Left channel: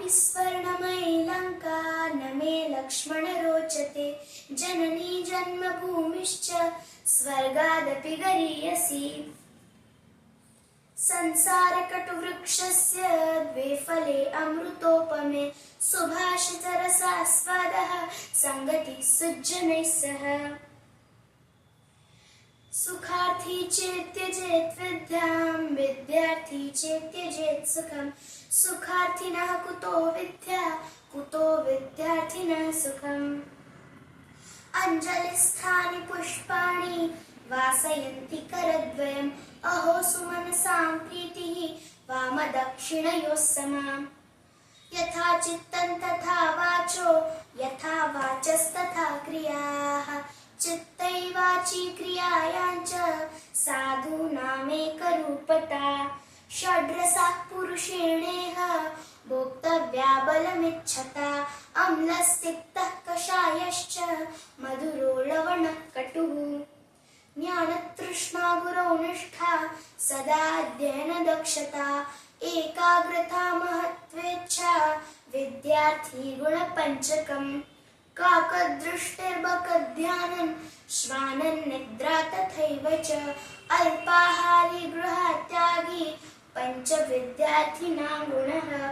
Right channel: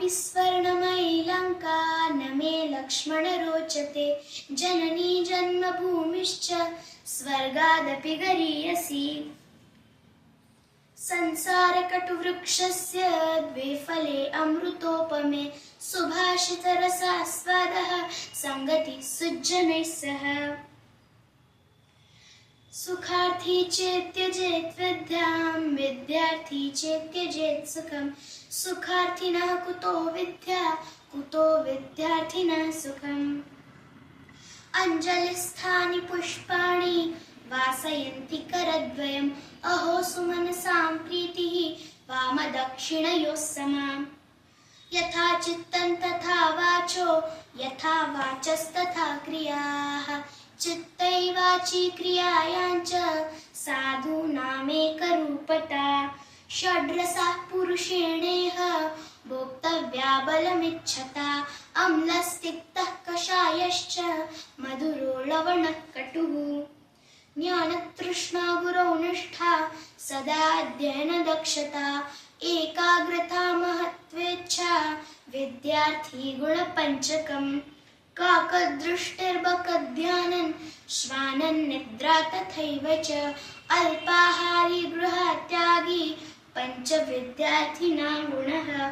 तथापि स्वर्णमयी लङ्का न मे लक्ष्मण रोचते। जननी जन्मभूमिश्च स्वर्गादपि गरीयसी। संसारकटुवृक्षस्य द्वे फले अमृतोपमे सुभाषितरसास्वादः सङ्गतिः सुजनैः सह। सुखार्थी चेत्यजेत् विद्यां विद्यार्थी चेत्यजेत् सुखं। सुखार्थिनः कुतो विद्या कुतो विद्यार्थिनः सुखम्। अञ्जलिस्थानि पुष्पाणि वासयन्ति करद्वयम्। अहो सुमनसां प्रीतिः वामदक्षिणयोः समा। यथा चित्तं तथा वाचो यथा वाचस्तथा क्रियाः। चित्तैवाची क्रियायाञ्च साधूनामेकरूपता। षड्रसाः पुरुषेणेह भोक्तव्या बलमिच्छता। अम्लस्तिक्तः कषायश्च मधुरो लवणः कटुः। ज्ञानतृष्णा गुरौ निष्ठा सदा अध्ययनदक्षता। एकाग्रता महत्त्वेच्छा विद्यार्थी गुणपञ्चकम्। काकदृष्टिर्बकध्यानन् श्वानन्निद्रा तथैव च। अल्पाहारी गृहत्यागी पञ्चविद्यार्थिनां गुणः।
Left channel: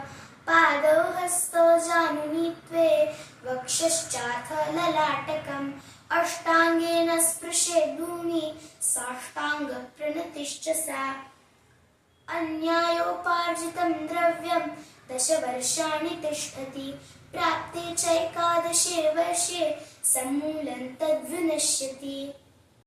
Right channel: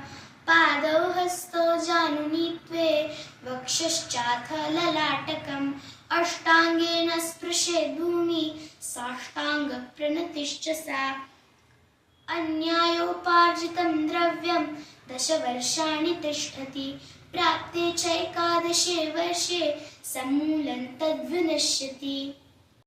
पादौ हस्तौ जानुनीत्वे वक्षश्चाथ ललाटकम्। अष्टाङ्गेन स्पृशेद् भूमि साष्टाङ्गप्रणतिश्च सा। अन्यायोपार्जितं द्रव्यं 10 वर्षाणि तिष्ठति। प्राप्ते चैकादशे वर्षे समूलं तद्विनश्यति।